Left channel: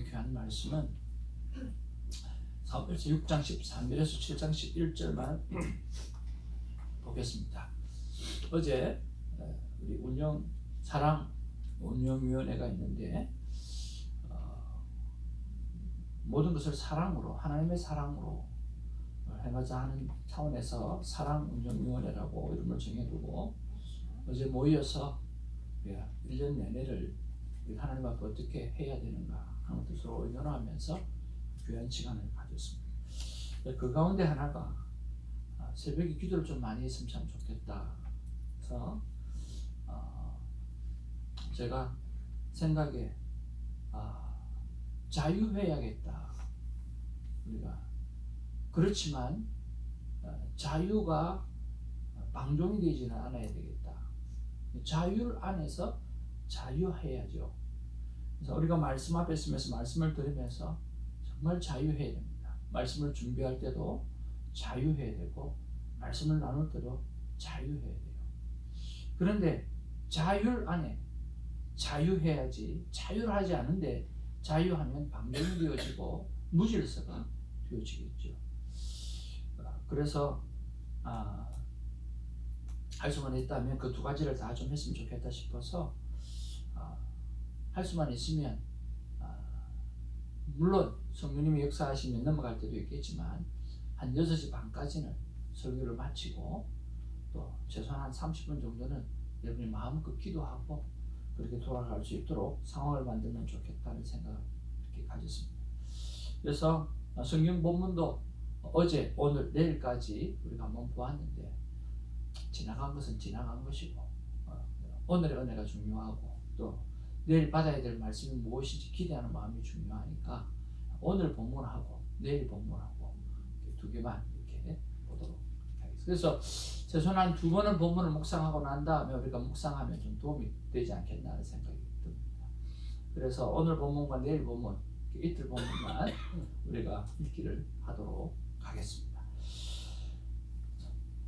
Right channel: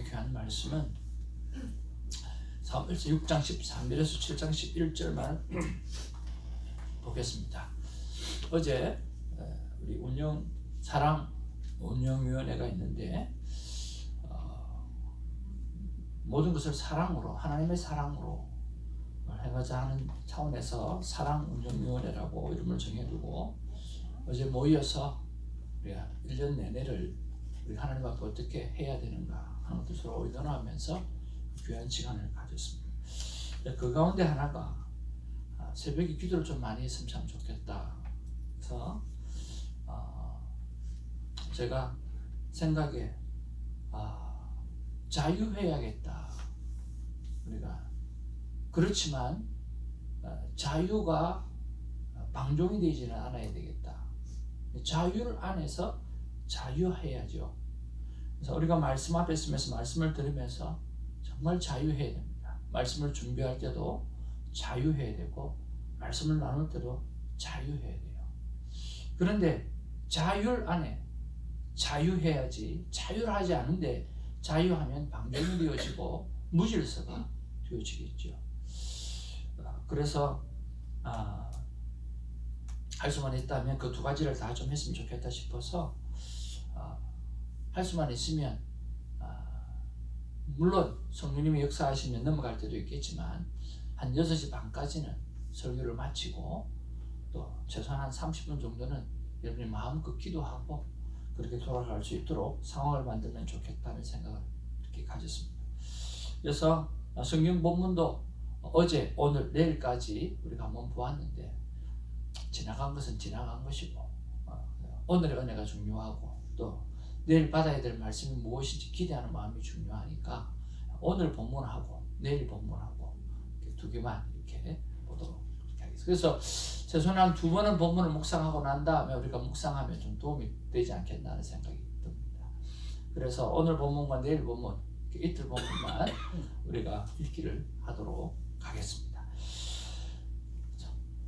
하나님의 귀한 말씀은 사무엘서 6장 13절에서 7장 11절만 보겠습니다. 어제 우리 운영위원회가 있는데 모든 것을 사랑으로, 하나님의 사랑으로 행하자 하는 차원에서 사랑운영위원회라고 이름을 정해두고 어제 모여서 우리가 1년 내내를 우리 하나님 앞에 어떻게 해야 되는가 하는 것을 서로 의논하면서 귀한 시간을 가졌습니다. 그 가운데 하나가 새벽에 기도를 좀 많이 했으면 참 좋겠다. 그래서 제가 생각에 자유해야겠다. 우리가 그렇지만 자유가 방종이 되지는 않아야 되겠다. 자유를 안에서 자유해야죠. 그래서 우리가 말씀 앞에 있으면서 말씀을 들으면서 정말 자유해야 됩니다. 말씀을 준비할 때도 자유해야 되고 말씀을 나눌 때도 자유해야 돼요. 그런데 자율 안에 자유해야지, 자유를 하지 않는데 자유하면 방종이 되어지고 무질서가 되어지겠죠. 그래서 할 수만 있다면 그 두 가지를 다 좀 했으면 좋겠다 싶어서 할 수만 있으면 물론 성령님이 역사하시면 넘어갈 때도 있겠지만 한 6시 반까지는 설교를 마치고 또 최소한 한 30분 정도는 여러분이 마음껏 기도하고 그렇게 돌아갈 수 있도록 상황을 만들면 좋겠다는 생각을 이렇게 가졌습니다. 그래서 성경 본문도 어제, 오늘, 내일까지 우리가 한번 보았는데 지나간 것은 지나간 것이고 오늘의 은혜가 중요하고 또 내일 받아야 될 말씀이 무엇인지 기대하는 마음이 중요하니까 오늘 본문하고 내일 본문하고 두 개만 이렇게 보도록 하겠습니다. 그래서 최소한 2번은 본문을 묵상하고 난 다음에 우리가 묵상하면 좀 도움이 되지 않겠나 하는 생각이 듭니다. 그래서 오늘 본문과 내일 본문 이틀 본문만 우리가 읽기를 하도록 하겠습니다.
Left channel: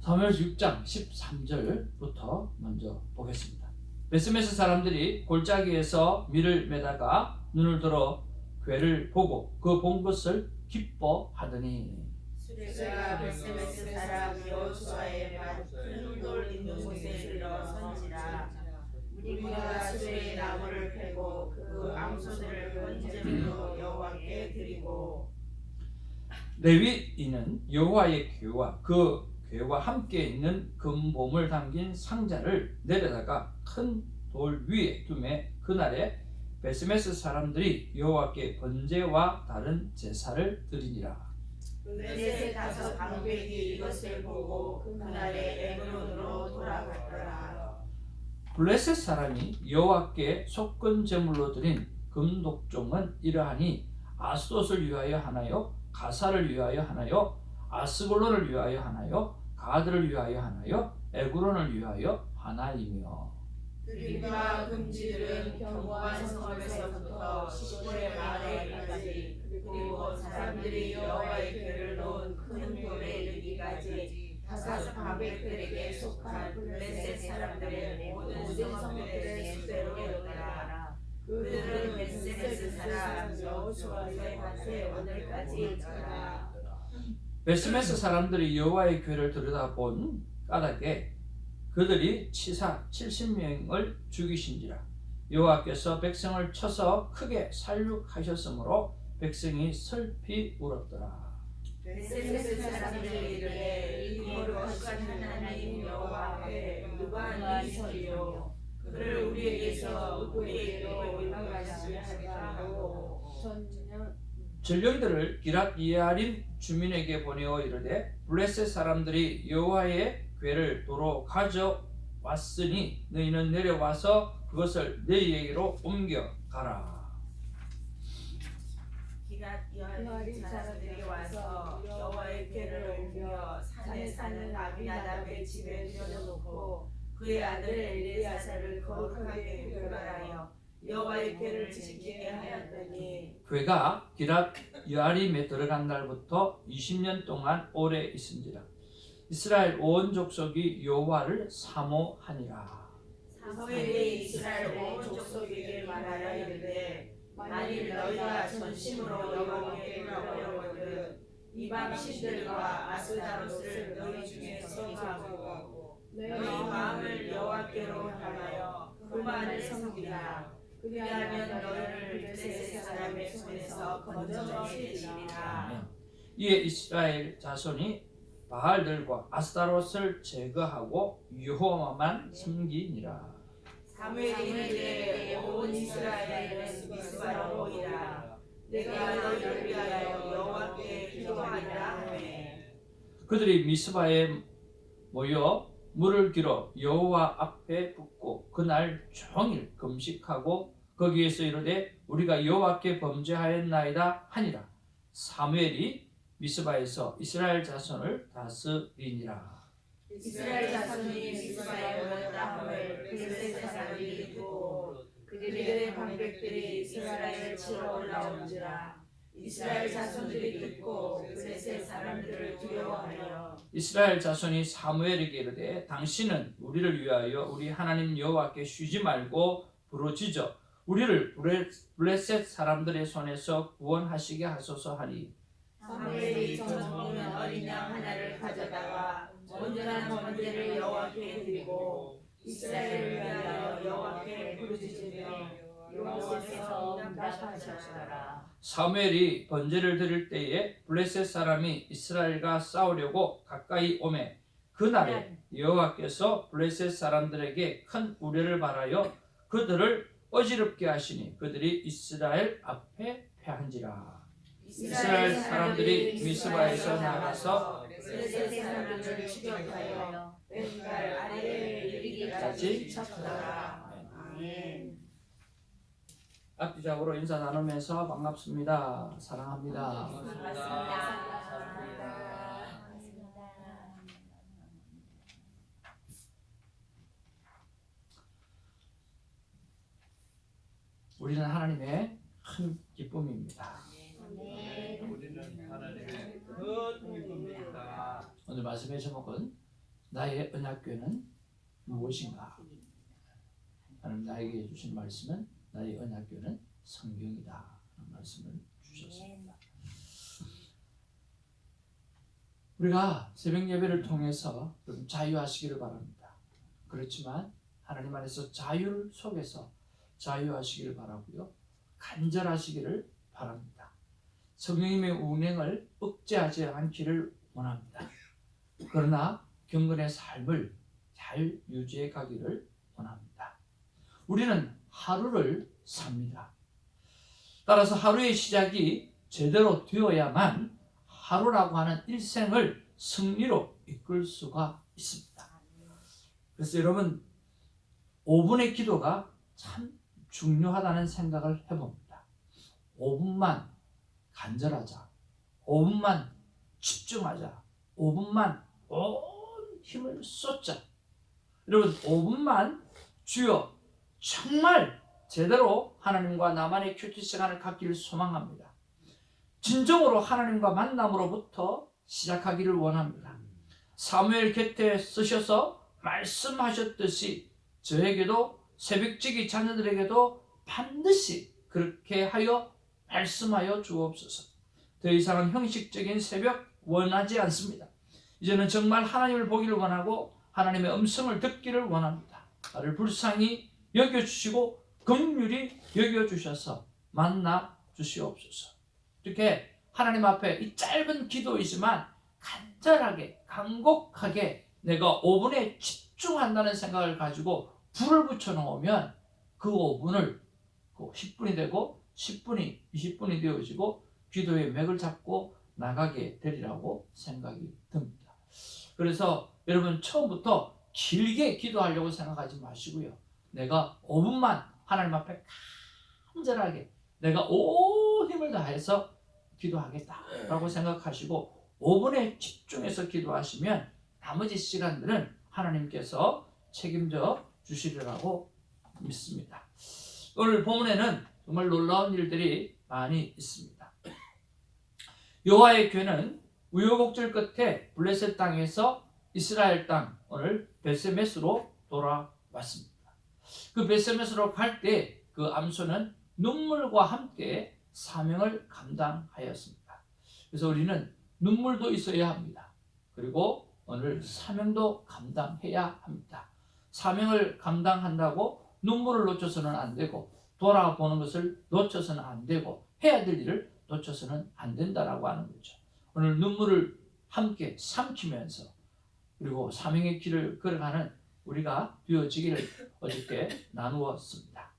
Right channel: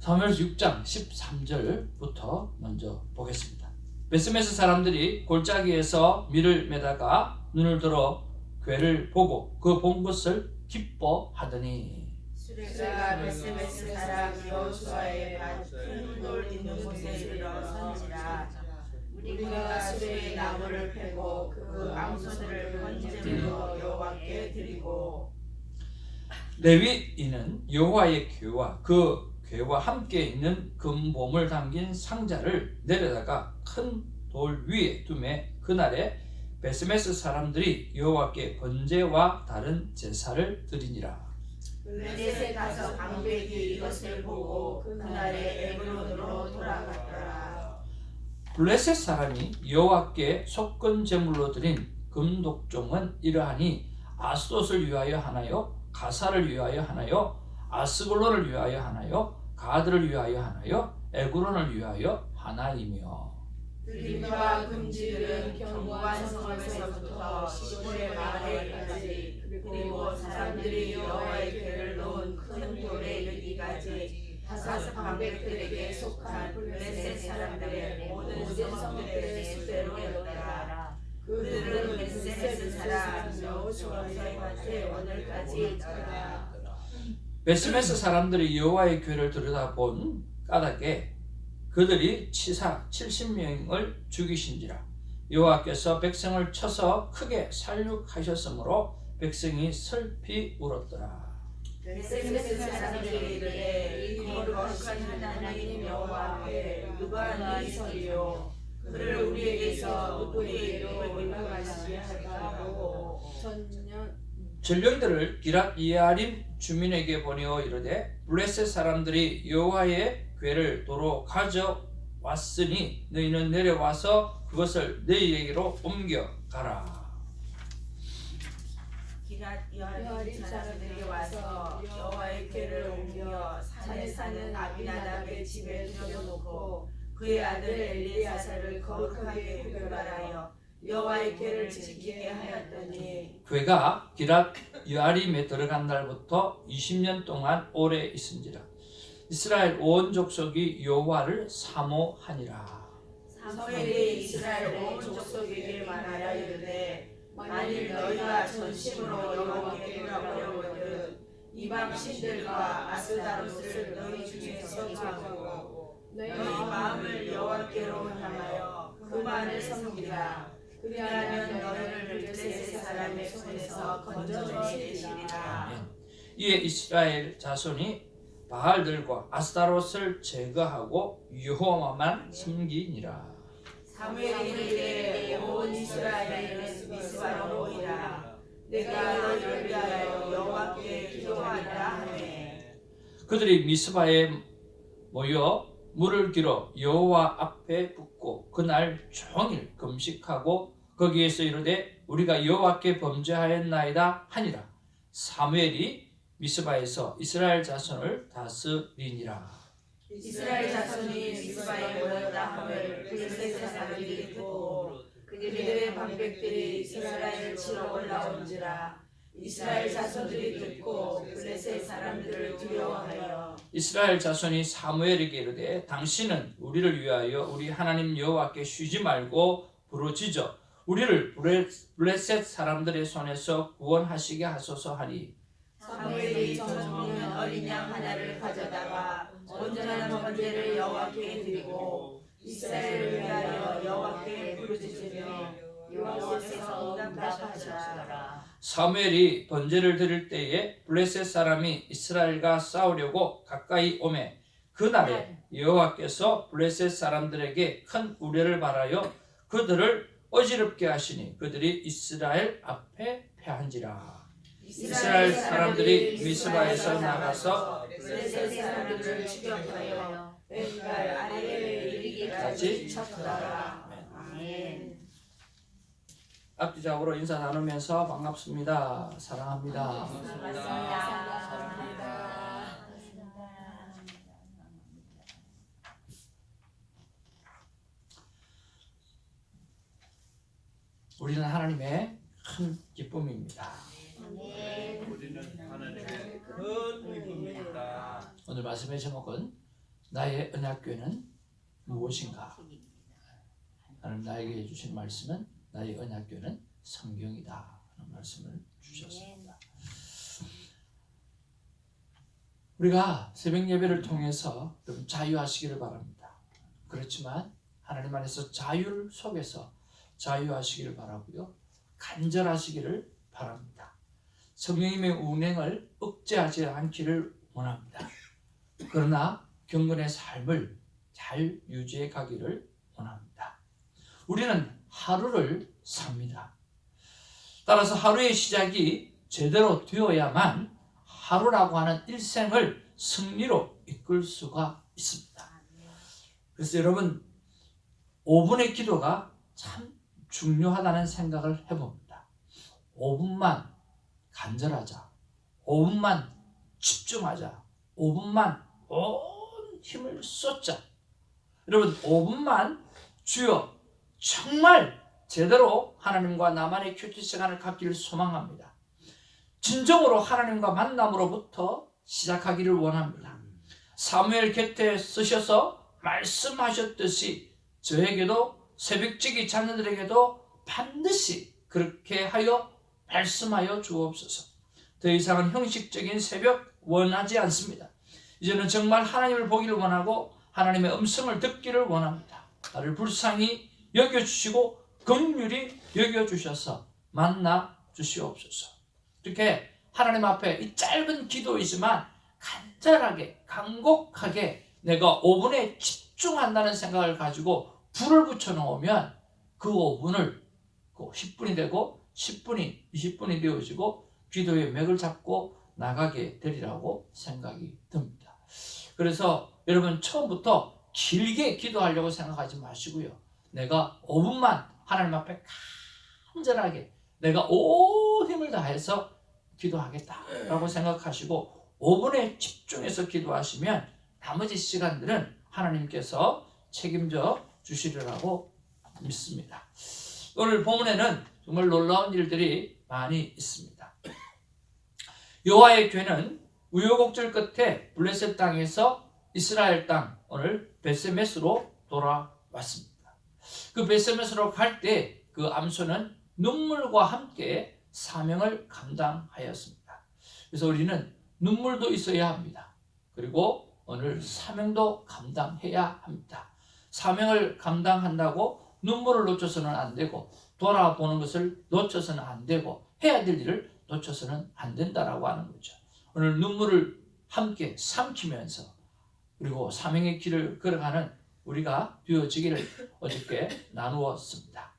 사무엘서 6장 13절부터 먼저 보겠습니다. 베스메스 사람들이 골짜기에서 밀을 매다가 눈을 들어 괴를 보고 그 본 것을 기뻐하더니 수레가 베스메스 사람 여호수아의 밭 큰 돌 있는 곳에 이르러 선지라. 우리가 수레의 나무를 패고 그 암소들을 번제물로 여호와께 드리고 레위인은 여호와의 궤와 그 궤와 함께 있는 금봄을 담긴 상자를 내려다가 큰 돌 위에 두매 그날에 베스메스 사람들이 여호와께 번제와 다른 제사를 드리니라. 블레셋 가서 방백이 이것을 보고 그날에 에브론으로 돌아갔더라. 블레셋 사람이 여호와께 속건 제물로 드린 금독종은 이러하니 아스돗을 위하여 하나요? 가사를 위하여 하나요? 아스골론을 위하여 하나요? 가드를 위하여 하나요? 에그론을 위하여 하나이며 드림과 금지들은 견고한 성읍에서부터 시골의 마을에까지 그리고 사람들이 여호와의 궤를 놓은 큰 돌에 이르기까지 다섯 방백들에게 속한 블레셋 사람들의 모든 성읍들의 수대로였더라. 그들은 베스메스 사람 여호수아의 밭에 오늘까지 있더라. 베스메스 사람들이 여호와의 궤를 들여다본 까닭에 그들이 치사 70명을 죽이신지라. 여호와께서 백성을 쳐서 크게 살육하셨으므로 백성이 슬피 울었더라. 베스메스 사람들이 이르되 이 거룩한 하나님 여호와 앞에 누가 능히 서리요? 그를 우리에게서 우리에게로 인도하시게 할까 하고 전령들을 기랏 예아림 주민에게 보내어 이르되 블레셋 사람들이 여호와의 궤를 도로 가져왔으니 너희는 내려와서 그것을 너희에게로 옮겨가라. 기랏 예아림 사람들이 와서 여호와의 궤를 옮겨 산에 사는 아비나답의 집에 들여놓고 그의 아들 엘리야사를 거룩하게 회발하여 여호와의 궤를 지키게 하였더니 궤가 기랏 예아림에 들어간 날부터 20년 동안 오래 있은지라. 이스라엘 온 족속이 여호와를 사모하니라. 사무엘이 이스라엘 온 족속에게 말하여 이르되 만일 너희가 전심으로 여호와께 돌아보려거든 이방 신들과 아스다롯을 너희 중에서 제거하고 너희 마음을 여호와께로 향하여 그만을 섬기라. 그리하면 너희를 블레셋 사람의 손에서 건져내시리라. 이에 이스라엘 자손이 바알들과 아스타롯을 제거하고 여호와만 섬기니라. 사무엘이 이르되 온 이스라엘은 미스바로 오리라. 내가 너희를 위하여 여호와께 기도하리라 하매 그들이 미스바에 모여 물을 길어 여호와 앞에 붓고 그날 종일 금식하고 거기에서 이르되 우리가 여호와께 범죄하였나이다 하니라. 사무엘이 미스바에서 이스라엘 자손을 다스리니라. 이스라엘 자손이 미스바에 모였다 함을 블레셋 사람들이 듣고 그들의 방백들이 이스라엘을 치러 올라온지라. 이스라엘 자손들이 듣고 블레셋 사람들을 두려워하여 이스라엘 자손이 사무엘에게 이르되 당신은 우리를 위하여 우리 하나님 여호와께 쉬지 말고 부르짖어 우리를 블레셋 사람들의 손에서 구원하시게 하소서 하니 사무엘이 젖 먹는 어린 양 하나를 가져다가 온전한 번제를 여호와께 드리고 이스라엘을 위하여 여호와께 부르짖으며 여호와께서 응답하셨더라. 사무엘이 번제를 드릴 때에 블레셋 사람이 이스라엘과 싸우려고 가까이 오매 그날에 여호와께서 블레셋 사람들에게 큰 우려를 발하여 그들을 어지럽게 하시니 그들이 이스라엘 앞에 패한지라. 이스라엘 사람들이 미스바에서 나가서 블레셋 사람들을 추격하여 벤갈 아래에 이르기까지 쳤더라. 아멘. 앞뒤작으로 인사 나누면서 반갑습니다. 사랑합니다. 우리는 하나님의 큰 기쁨입니다. 오늘 말씀의 제목은 나의 언약궤는 무엇인가? 하나님 나에게 주신 말씀은 나의 언약궤는 성경이다 하는 말씀을 주셨습니다. 우리가 새벽 예배를 통해서 좀 자유하시기를 바랍니다. 그렇지만 하나님 안에서 자유 속에서 자유하시기를 바라고요. 간절하시기를 바랍니다. 성령님의 운행을 억제하지 않기를 원합니다. 그러나 경건의 삶을 잘 유지해 가기를 원합니다. 우리는 하루를 삽니다. 따라서 하루의 시작이 제대로 되어야만 하루라고 하는 일생을 승리로 이끌 수가 있습니다. 그래서 여러분 5분의 기도가 참 중요하다는 생각을 해봅니다. 5분만 간절하자. 5분만 집중하자. 5분만 온 힘을 쏟자. 여러분 5분만 주여 정말 제대로 하나님과 나만의 큐티 시간을 갖기를 소망합니다. 진정으로 하나님과 만남으로부터 시작하기를 원합니다. 사무엘 곁에 쓰셔서 말씀하셨듯이 저에게도 새벽지기 자녀들에게도 반드시 그렇게 하여 말씀하여 주옵소서. 더 이상은 형식적인 새벽 원하지 않습니다. 이제는 정말 하나님을 보기를 원하고 하나님의 음성을 듣기를 원합니다. 나를 불쌍히 여겨주시고 긍휼히 여겨주셔서 만나 주시옵소서. 이렇게 하나님 앞에 이 짧은 기도이지만 간절하게 간곡하게 내가 5분에 집중한다는 생각을 가지고 불을 붙여놓으면 그 5분을 10분이 되고 10분이 20분이 되어지고 기도의 맥을 잡고 나가게 되리라고 생각이 듭니다. 그래서 여러분 처음부터 길게 기도하려고 생각하지 마시고요. 내가 5분만 하나님 앞에 간절하게 내가 온 힘을 다해서 기도하겠다라고 생각하시고 5분에 집중해서 기도하시면 나머지 시간들은 하나님께서 책임져 주시리라고 믿습니다. 오늘 본문에는 정말 놀라운 일들이 많이 있습니다. 여호와의 궤는 우여곡절 끝에 블레셋 땅에서 이스라엘 땅 오늘 베세메스로 돌아왔습니다. 그 베세메스로 갈 때 그 암소는 눈물과 함께 사명을 감당하였습니다. 그래서 우리는 눈물도 있어야 합니다. 그리고 오늘 사명도 감당해야 합니다. 사명을 감당한다고 눈물을 놓쳐서는 안 되고 돌아보는 것을 놓쳐서는 안 되고 해야 될 일을 놓쳐서는 안 된다라고 하는 거죠. 오늘 눈물을 함께 삼키면서 그리고 사명의 길을 걸어가는 우리가 되어지기를 어저께 나누었습니다.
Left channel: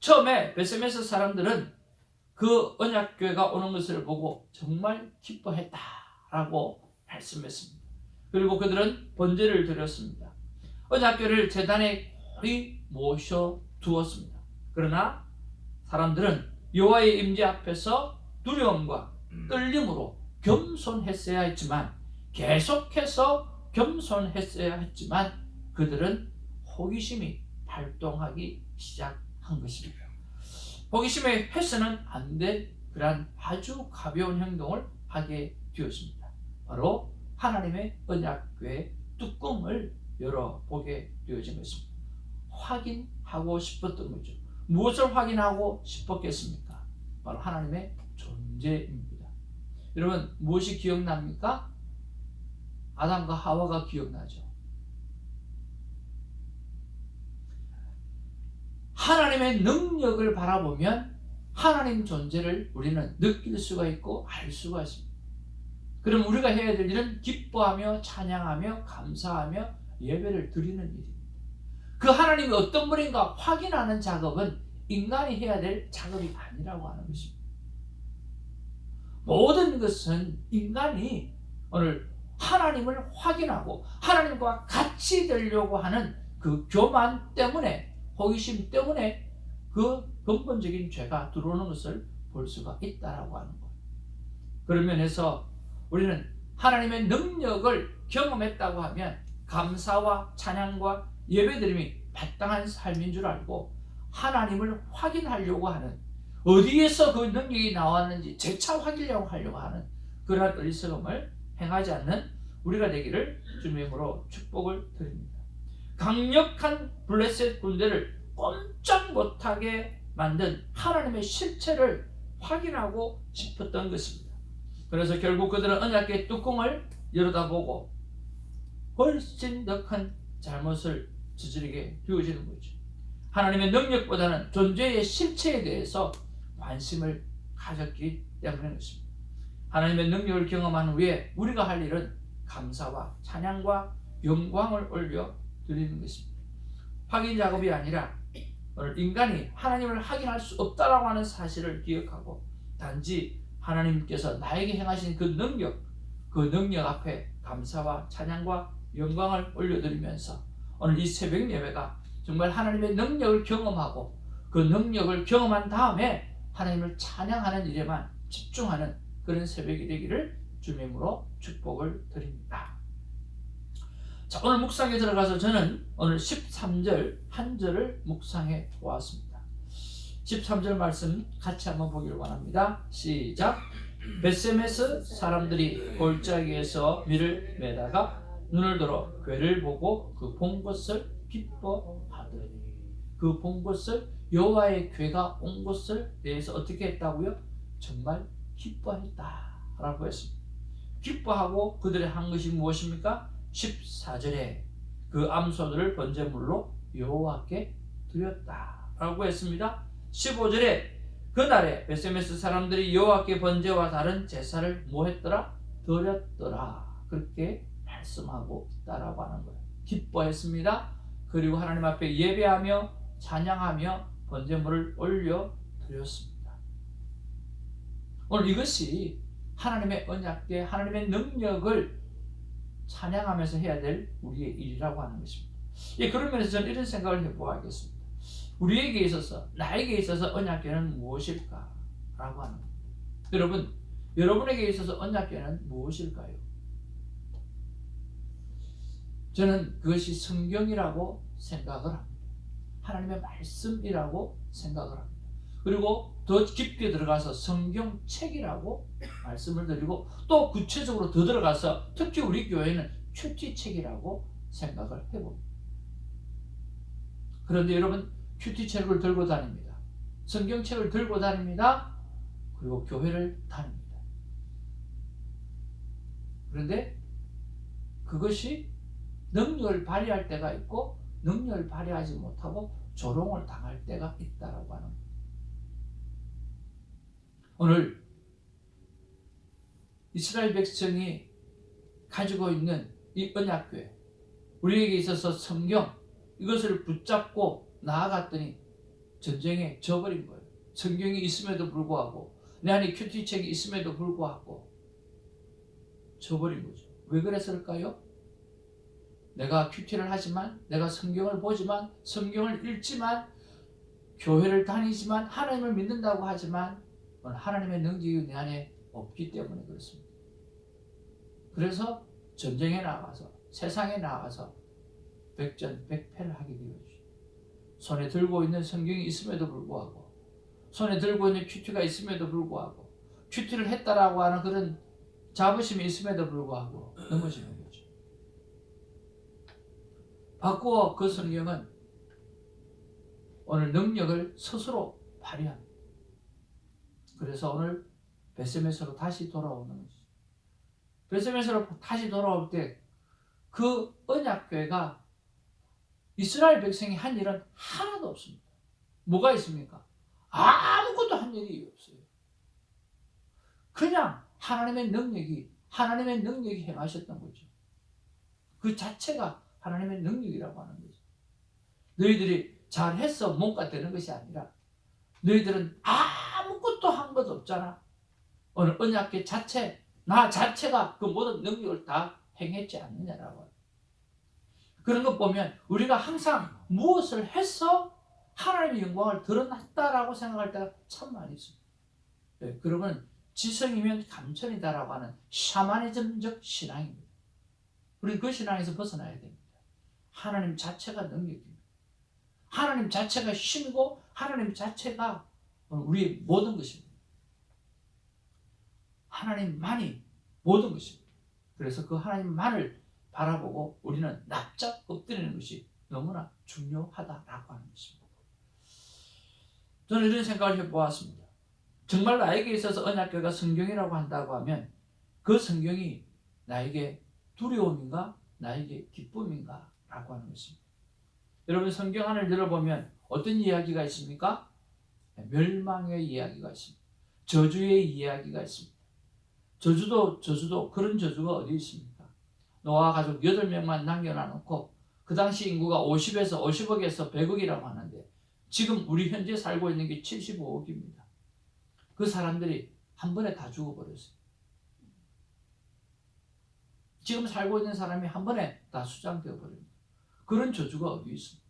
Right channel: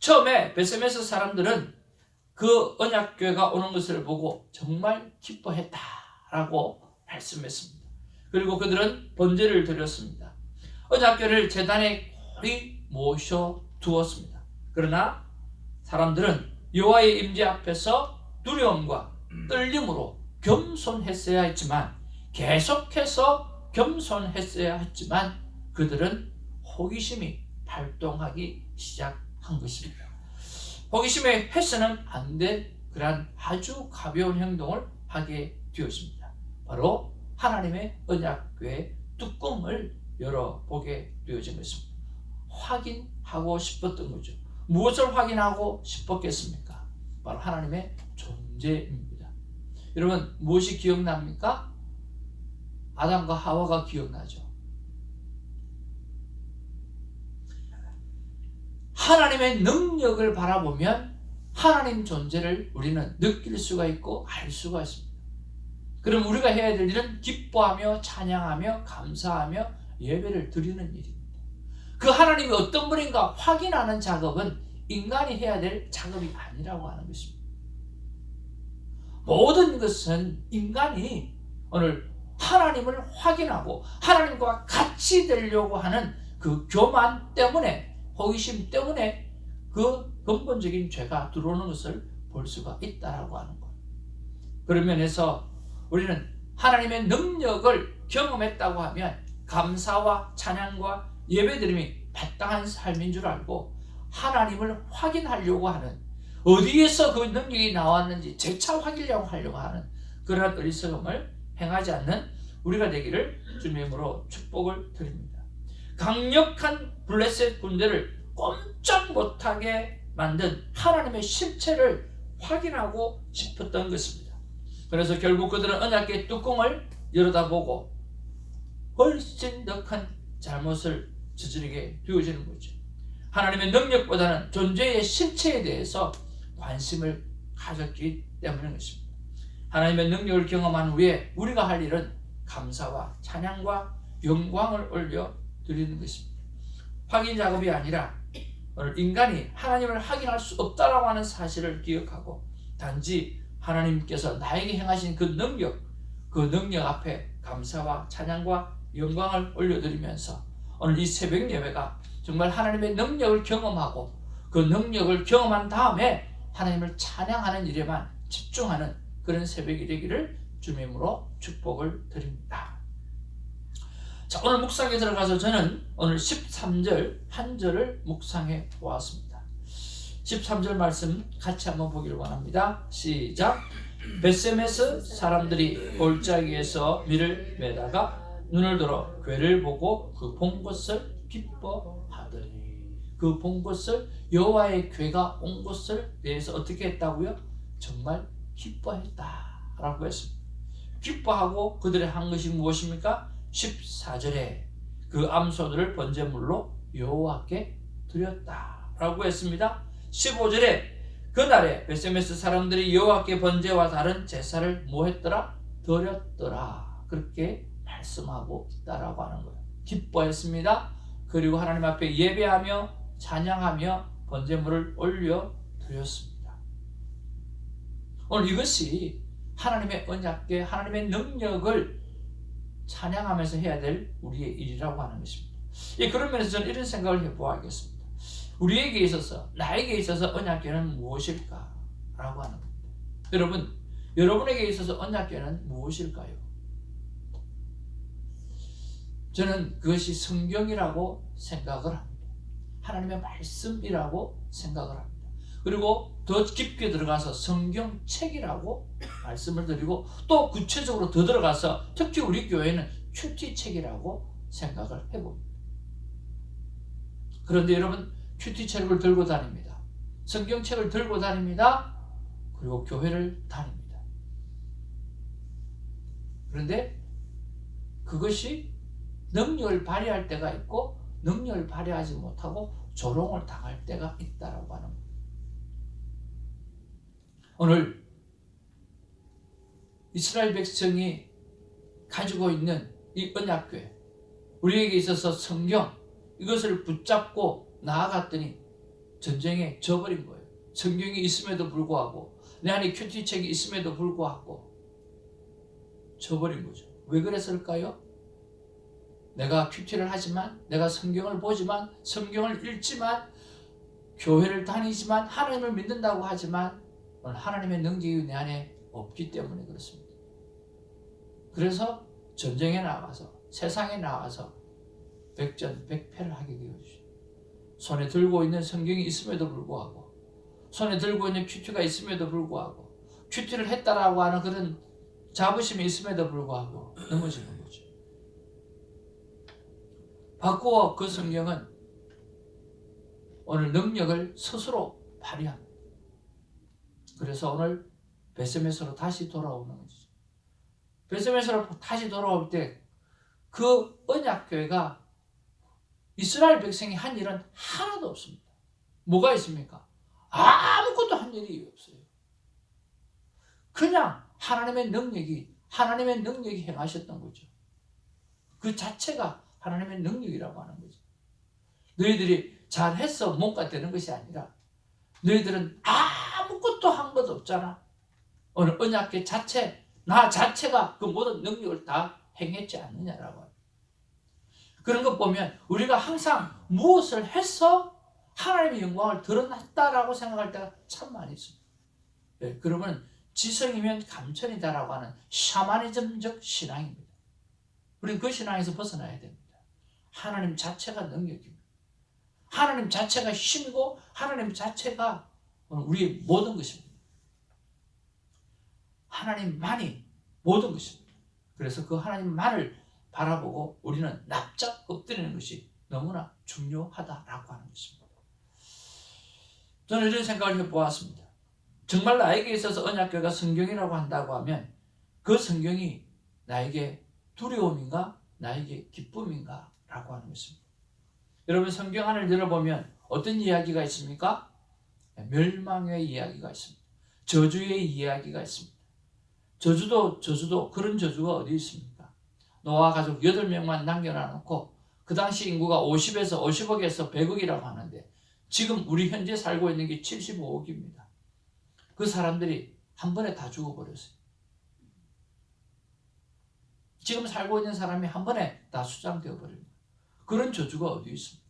처음에 베세메스 사람들은 그 언약궤가 오는 것을 보고 정말 기뻐했다라고 말씀했습니다. 그리고 그들은 번제를 드렸습니다. 언약궤를 제단에 거의 모셔두었습니다. 그러나 사람들은 여호와의 임재 앞에서 두려움과 떨림으로 겸손했어야 했지만 계속해서 겸손했어야 했지만 그들은 호기심이 발동하기 시작한 것입니다. 호기심에 해서는 안 될 그러한 아주 가벼운 행동을 하게 되었습니다. 바로 하나님의 언약궤의 뚜껑을 열어보게 되어진 것입니다. 확인하고 싶었던 거죠. 무엇을 확인하고 싶었겠습니까? 바로 하나님의 존재입니다. 여러분 무엇이 기억납니까? 아담과 하와가 기억나죠. 하나님의 능력을 바라보면 하나님 존재를 우리는 느낄 수가 있고 알 수가 있습니다. 그럼 우리가 해야 될 일은 기뻐하며 찬양하며 감사하며 예배를 드리는 일입니다. 그 하나님이 어떤 분인가 확인하는 작업은 인간이 해야 될 작업이 아니라고 하는 것입니다. 모든 것은 인간이 오늘 하나님을 확인하고 하나님과 같이 되려고 하는 그 교만 때문에 호기심 때문에 그 근본적인 죄가 들어오는 것을 볼 수가 있다라고 하는 것. 그런 면에서 우리는 하나님의 능력을 경험했다고 하면 감사와 찬양과 예배드림이 마땅한 삶인 줄 알고 하나님을 확인하려고 하는 어디에서 그 능력이 나왔는지 재차 확인하려고 하는 그러한 어리석음을 행하지 않는 우리가 되기를 주님의 이름으로 축복을 드립니다. 강력한 블레셋 군대를 꼼짝 못하게 만든 하나님의 실체를 확인하고 싶었던 것입니다. 그래서 결국 그들은 언약궤 뚜껑을 열어다보고 훨씬 더 큰 잘못을 저지르게 되어지는 거죠. 하나님의 능력보다는 존재의 실체에 대해서 관심을 가졌기 때문인 것입니다. 하나님의 능력을 경험한 후에 우리가 할 일은 감사와 찬양과 영광을 올려 드리는 것입니다. 확인 작업이 아니라 오늘 인간이 하나님을 확인할 수 없다라고 하는 사실을 기억하고 단지 하나님께서 나에게 행하신 그 능력 앞에 감사와 찬양과 영광을 올려드리면서 오늘 이 새벽 예배가 정말 하나님의 능력을 경험하고 그 능력을 경험한 다음에 하나님을 찬양하는 일에만 집중하는 그런 새벽이 되기를 주님의 이름으로 축복을 드립니다. 자, 오늘 묵상에 들어가서 저는 오늘 13절 한 절을 묵상해 보았습니다. 13절 말씀 같이 한번 보기를 원합니다. 시작. 베세메스 사람들이 골짜기에서 밀을 매다가 눈을 들어 궤를 보고 그 본 것을 기뻐하더니 그 본 것을 여호와의 궤가 온 것을 대해서 어떻게 했다고요? 정말 기뻐했다라고 했습니다. 기뻐하고 그들이 한 것이 무엇입니까? 14절에 그 암소들을 번제물로 여호와께 드렸다라고 했습니다. 15절에 그날에 베세메스 사람들이 여호와께 번제와 다른 제사를 뭐 했더라? 드렸더라. 그렇게 말씀하고 있다라고 하는 거예요. 기뻐했습니다. 그리고 하나님 앞에 예배하며 찬양하며 번제물을 올려 드렸습니다. 오늘 이것이 하나님의 언약궤, 하나님의 능력을 찬양하면서 해야 될 우리의 일이라고 하는 것입니다. 그런 면에서 저는 이런 생각을 해보아야겠습니다. 우리에게 있어서, 나에게 있어서 언약궤는 무엇일까? 라고 하는 겁니다. 여러분에게 있어서 언약궤는 무엇일까요? 저는 그것이 성경이라고 생각을 합니다. 하나님의 말씀이라고 생각을 합니다. 그리고 더 깊게 들어가서 성경책이라고 말씀을 드리고 또 구체적으로 더 들어가서 특히 우리 교회는 큐티책이라고 생각을 해봅니다. 그런데 여러분 큐티책을 들고 다닙니다. 성경책을 들고 다닙니다. 그리고 교회를 다닙니다. 그런데 그것이 능력을 발휘할 때가 있고 능력을 발휘하지 못하고 조롱을 당할 때가 있다라고 하는 거예요. 오늘 이스라엘 백성이 가지고 있는 이 언약궤, 우리에게 있어서 성경, 이것을 붙잡고 나아갔더니 전쟁에 져버린 거예요. 성경이 있음에도 불구하고, 내 안에 큐티책이 있음에도 불구하고 져버린 거죠. 왜 그랬을까요? 내가 큐티를 하지만, 내가 성경을 보지만, 성경을 읽지만, 교회를 다니지만, 하나님을 믿는다고 하지만 오늘 하나님의 능력이 내 안에 없기 때문에 그렇습니다. 그래서 전쟁에 나가서, 세상에 나가서 백전백패를 하게 되어지죠. 손에 들고 있는 성경이 있음에도 불구하고, 손에 들고 있는 큐티가 있음에도 불구하고, 큐티를 했다라고 하는 그런 자부심이 있음에도 불구하고 넘어지는 거죠. 바꾸어 그 성경은 오늘 능력을 스스로 발휘합니다. 그래서 오늘 베세메스로 다시 돌아오는 거죠. 베세메스로 다시 돌아올 때 그 언약교회가 이스라엘 백성이 한 일은 하나도 없습니다. 뭐가 있습니까? 아무것도 한 일이 없어요. 그냥 하나님의 능력이 행하셨던 거죠. 그 자체가 하나님의 능력이라고 하는 거죠. 너희들이 잘해서 뭔가 되는 것이 아니라 너희들은 아무것도 한 것 없잖아. 오늘 언약궤 자체, 나 자체가 그 모든 능력을 다 행했지 않느냐라고. 그런 것 보면 우리가 항상 무엇을 해서 하나님의 영광을 드러났다라고 생각할 때가 참 많이 있습니다. 네, 그러면 지성이면 감천이다라고 하는 샤머니즘적 신앙입니다. 우리는 그 신앙에서 벗어나야 됩니다. 하나님 자체가 능력입니다. 하나님 자체가 힘이고 하나님 자체가 우리의 모든 것입니다. 하나님만이 모든 것입니다. 그래서 그 하나님만을 바라보고 우리는 납작 엎드리는 것이 너무나 중요하다라고 하는 것입니다. 저는 이런 생각을 해보았습니다. 정말 나에게 있어서 언약궤가 성경이라고 한다고 하면 그 성경이 나에게 두려움인가 나에게 기쁨인가 라고 하는 것입니다. 여러분 성경 안을 열어보면 어떤 이야기가 있습니까? 멸망의 이야기가 있습니다. 저주의 이야기가 있습니다. 저주도 그런 저주가 어디 있습니까? 노아 가족 8명만 남겨놔놓고 그 당시 인구가 50억에서 100억이라고 하는데 지금 우리 현재 살고 있는 게 75억입니다. 그 사람들이 한 번에 다 죽어버렸어요. 지금 살고 있는 사람이 한 번에 다 수장되어 버립니다. 그런 저주가 어디 있습니까?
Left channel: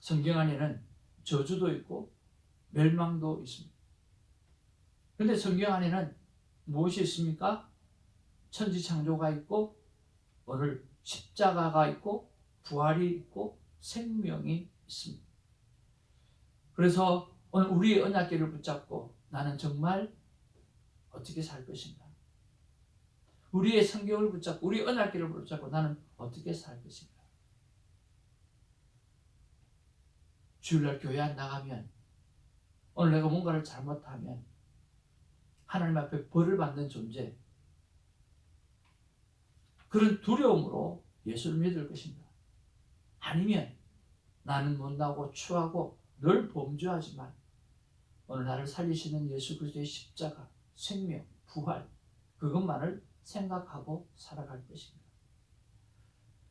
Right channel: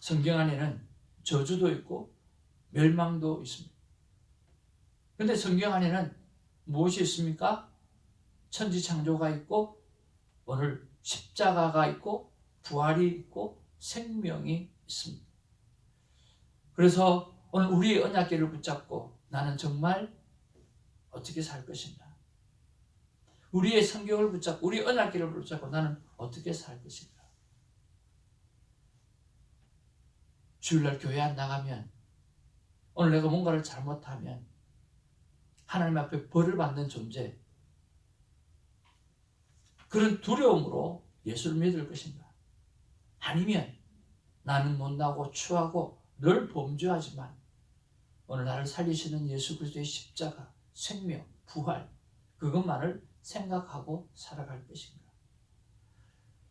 성경 안에는 저주도 있고 멸망도 있습니다. 그런데 성경 안에는 무엇이 있습니까? 천지창조가 있고 오늘 십자가가 있고 부활이 있고 생명이 있습니다. 그래서 오늘 우리의 언약궤를 붙잡고 나는 정말 어떻게 살 것인가? 우리의 성경을 붙잡고 우리의 언약궤를 붙잡고 나는 어떻게 살 것인가? 주일날 교회 안 나가면 오늘 내가 뭔가를 잘못하면 하나님 앞에 벌을 받는 존재, 그런 두려움으로 예수를 믿을 것인가? 아니면 나는 못나고 추하고 늘 범죄하지만 오늘 나를 살리시는 예수 그리스도의 십자가, 생명, 부활 그것만을 생각하고 살아갈 것인가?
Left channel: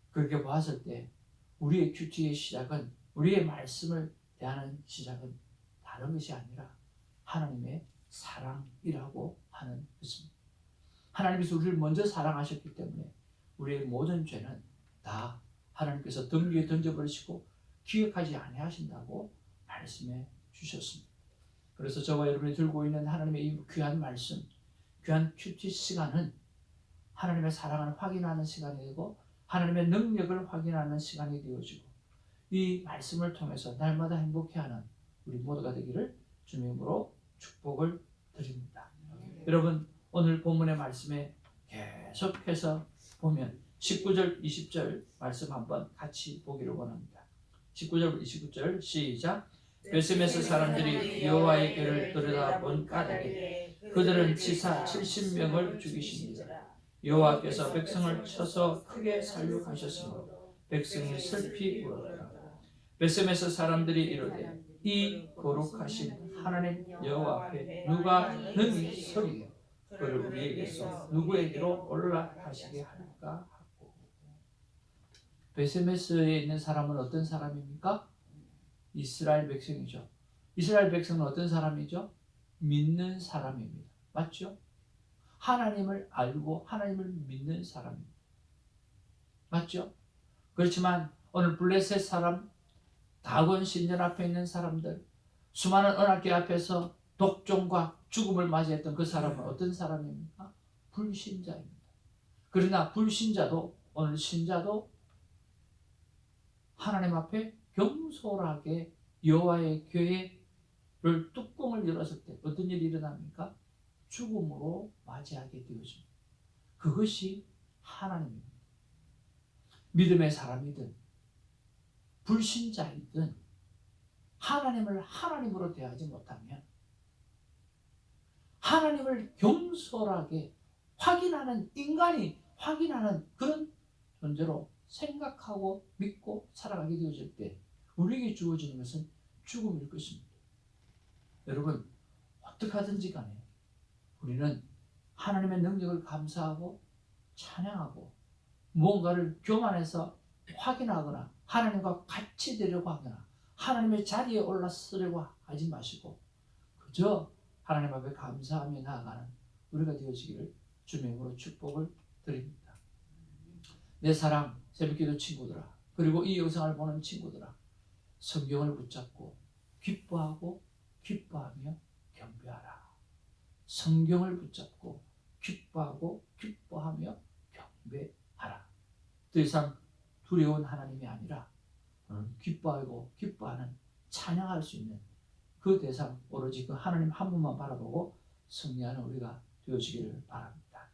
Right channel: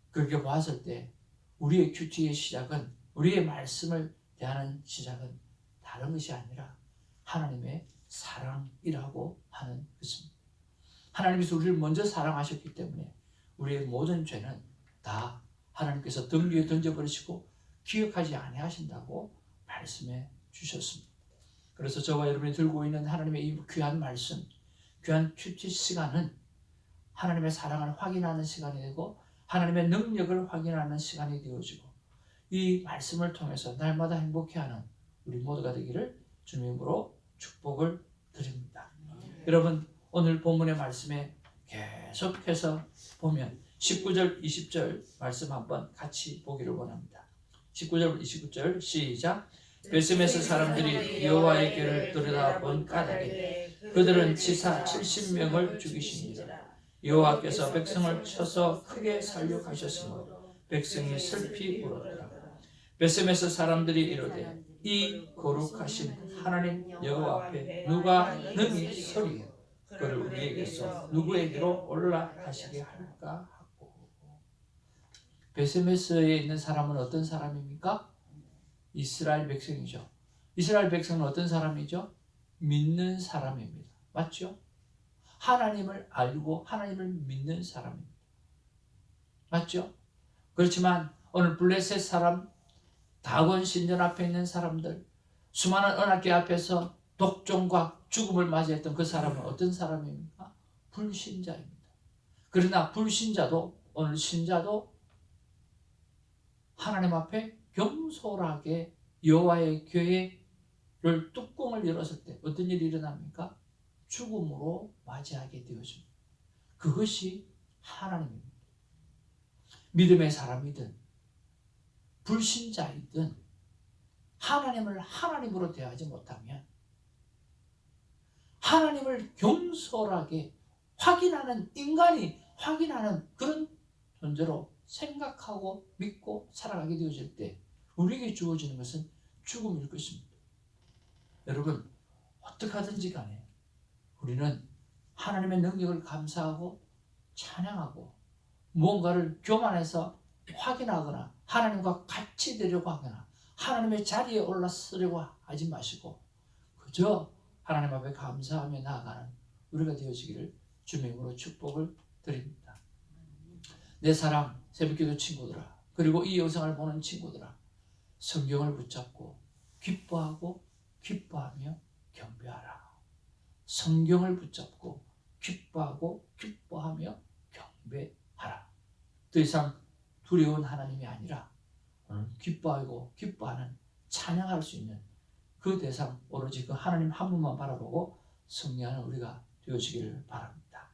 그렇게 봤을 때 우리의 큐티의 시작은, 우리의 말씀을 대하는 시작은 다른 것이 아니라 하나님의 사랑이라고 하는 것입니다. 하나님께서 우리를 먼저 사랑하셨기 때문에 우리의 모든 죄는 다 하나님께서 등 위에 던져버리시고 기억하지 아니하신다고 말씀해 주셨습니다. 그래서 저와 여러분이 들고 있는 하나님의 이 귀한 말씀, 귀한 큐티 시간은 하나님의 사랑을 확인하는 시간이 되고 하나님의 능력을 확인하는 시간이 되어지고 이 말씀을 통해서 날마다 행복해하는 우리 모두가 되기를 주님으로 축복을 드립니다. 여러분 오늘 본문의 말씀에 계속해서 보면 19절 20절 말씀 한번 같이 보기를 원합니다. 19절 29절 시작. 베스메스 사람들이 여호와의 궤를 들여다본 까닭에 그들은 치사 70명을 죽이십니다. 여호와께서 백성을 쳐서 크게 살육하셨으므로 백성이 슬피 울었더라. 베스메스 사람들이 이르되 이 거룩하신 하나님 여호와 앞에 누가 능히 서리요 그를 우리에게서 누구에게로 올라가시게 할까 하고. 베스메스에 있는 사람은 어떤 사람입니까? 이스라엘 백성이죠. 이스라엘 백성은 어떤 사람이죠? 믿는 사람입니다. 맞죠? 하나님을 알고 하나님을 믿는 사람입니다. 맞죠? 그렇지만 오늘 블레셋 사람, 다곤 신전 앞에 있는 사람들, 수많은 언약궤 앞에서 독종과 죽음을 맞이했던 그 사람은 어떤 사람입니까? 불신자입니다. 그러나 불신자도, 오늘 신자도 하나님 앞에 경솔하게 여호와의 궤를 뚜껑을 열었을 때 어떤 일이 일어납니까? 죽음으로 맞이하게 되어집니다. 그것이 하나님입니다. 믿음의 사람이든 불신자이든 하나님을 하나님으로 대하지 못하면 하나님을 경솔하게 확인하는, 인간이 확인하는 그런 존재로 생각하고 믿고 살아가게 되어질 때 우리에게 주어지는 것은 죽음일 것입니다. 여러분, 어떻게 하든지 간에 우리는 하나님의 능력을 감사하고 찬양하고 무언가를 교만해서 확인하거나 하나님과 같이 되려고 하거나 하나님의 자리에 올라서려고 하지 마시고 그저 하나님 앞에 감사하며 나아가는 우리가 되어지기를 주님의 이름으로 축복을 드립니다. 내 사랑 새벽기도 친구들아, 그리고 이 영상을 보는 친구들아, 성경을 붙잡고 기뻐하고 기뻐하며 경배하라. 성경을 붙잡고 기뻐하고 기뻐하며 경배하라. 더 이상 두려운 하나님이 아니라 기뻐하고 기뻐하는, 찬양할 수 있는 그 대상, 오로지 그 하나님 한 분만 바라보고 승리하는 우리가 되어지기를 바랍니다.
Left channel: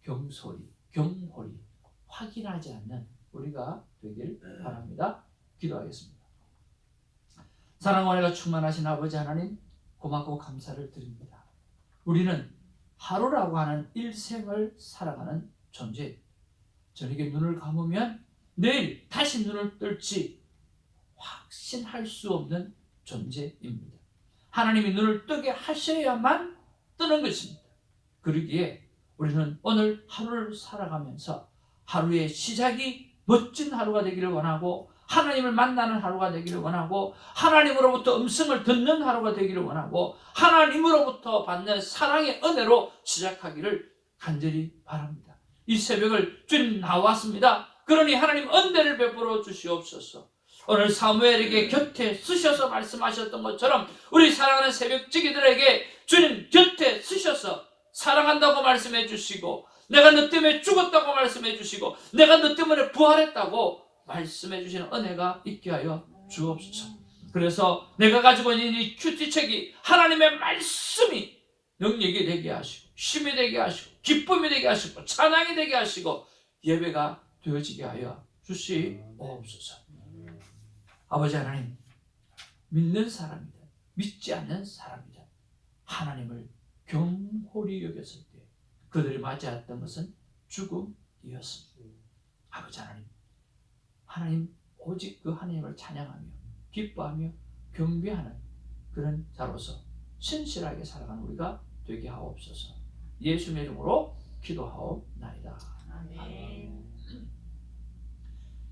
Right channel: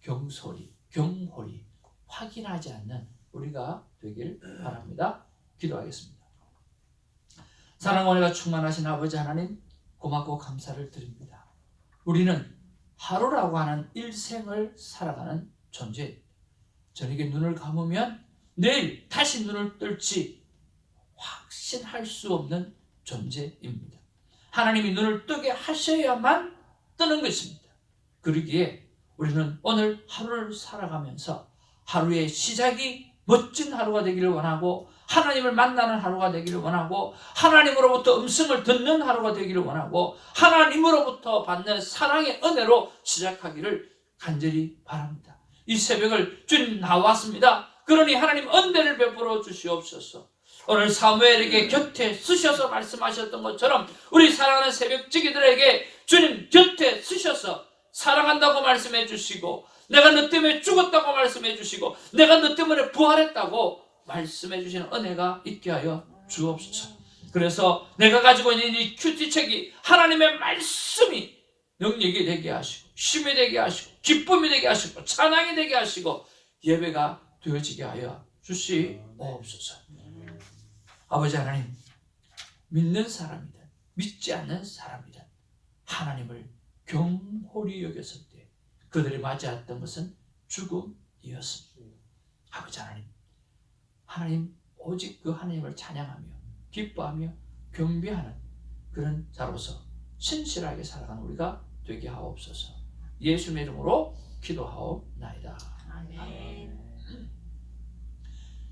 경솔히, 경홀히 확인하지 않는 우리가 되길 바랍니다. 기도하겠습니다. 사랑과 은혜가 충만하신 아버지 하나님, 고맙고 감사를 드립니다. 우리는 하루라고 하는 일생을 살아가는 존재, 저녁에 눈을 감으면 내일 다시 눈을 뜰지 확신할 수 없는 존재입니다. 하나님이 눈을 뜨게 하셔야만 뜨는 것입니다. 그러기에 우리는 오늘 하루를 살아가면서 하루의 시작이 멋진 하루가 되기를 원하고 하나님을 만나는 하루가 되기를 원하고 하나님으로부터 음성을 듣는 하루가 되기를 원하고 하나님으로부터 받는 사랑의 은혜로 시작하기를 간절히 바랍니다. 이 새벽을 주님 나왔습니다. 그러니 하나님 은혜를 베풀어 주시옵소서. 오늘 사무엘에게 곁에 쓰셔서 말씀하셨던 것처럼 우리 사랑하는 새벽지기들에게 주님 곁에 쓰셔서 사랑한다고 말씀해 주시고 내가 너 때문에 죽었다고 말씀해 주시고 내가 너 때문에 부활했다고 말씀해 주시는 은혜가 있게 하여 주옵소서. 그래서 내가 가지고 있는 이 큐티책이 하나님의 말씀이 능력이 되게 하시고 쉼이 되게 하시고 기쁨이 되게 하시고 찬양이 되게 하시고 예배가 되어지게 하여 주시옵소서. 아버지 하나님, 믿는 사람이든 믿지 않는 사람이든 하나님을 경홀히 여겼을 때 그들이 맞이했던 것은 죽음이었습니다. 아버지 하나님, 하나님 오직 그 하나님을 찬양하며 기뻐하며 경배하는 그런 자로서 신실하게 살아가는 우리가 되게 하옵소서. 예수님의 이름으로 기도하옵나이다. 아멘.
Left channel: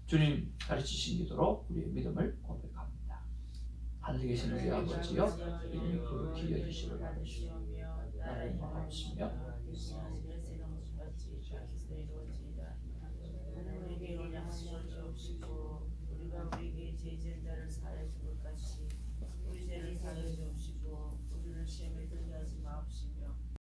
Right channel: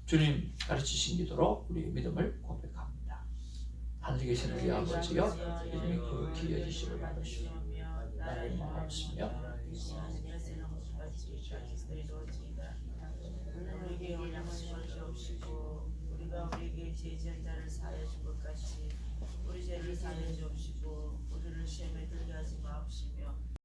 주님 가르치신 기도로 우리의 믿음을 고백합니다. 하늘에 계신 우리 아버지여, 이름이 거룩히 여기시를 바라시오. 나를 마옵시며 우리에게 원하는 것이 없이고 우리가 우리에게 죄진 자를 사하여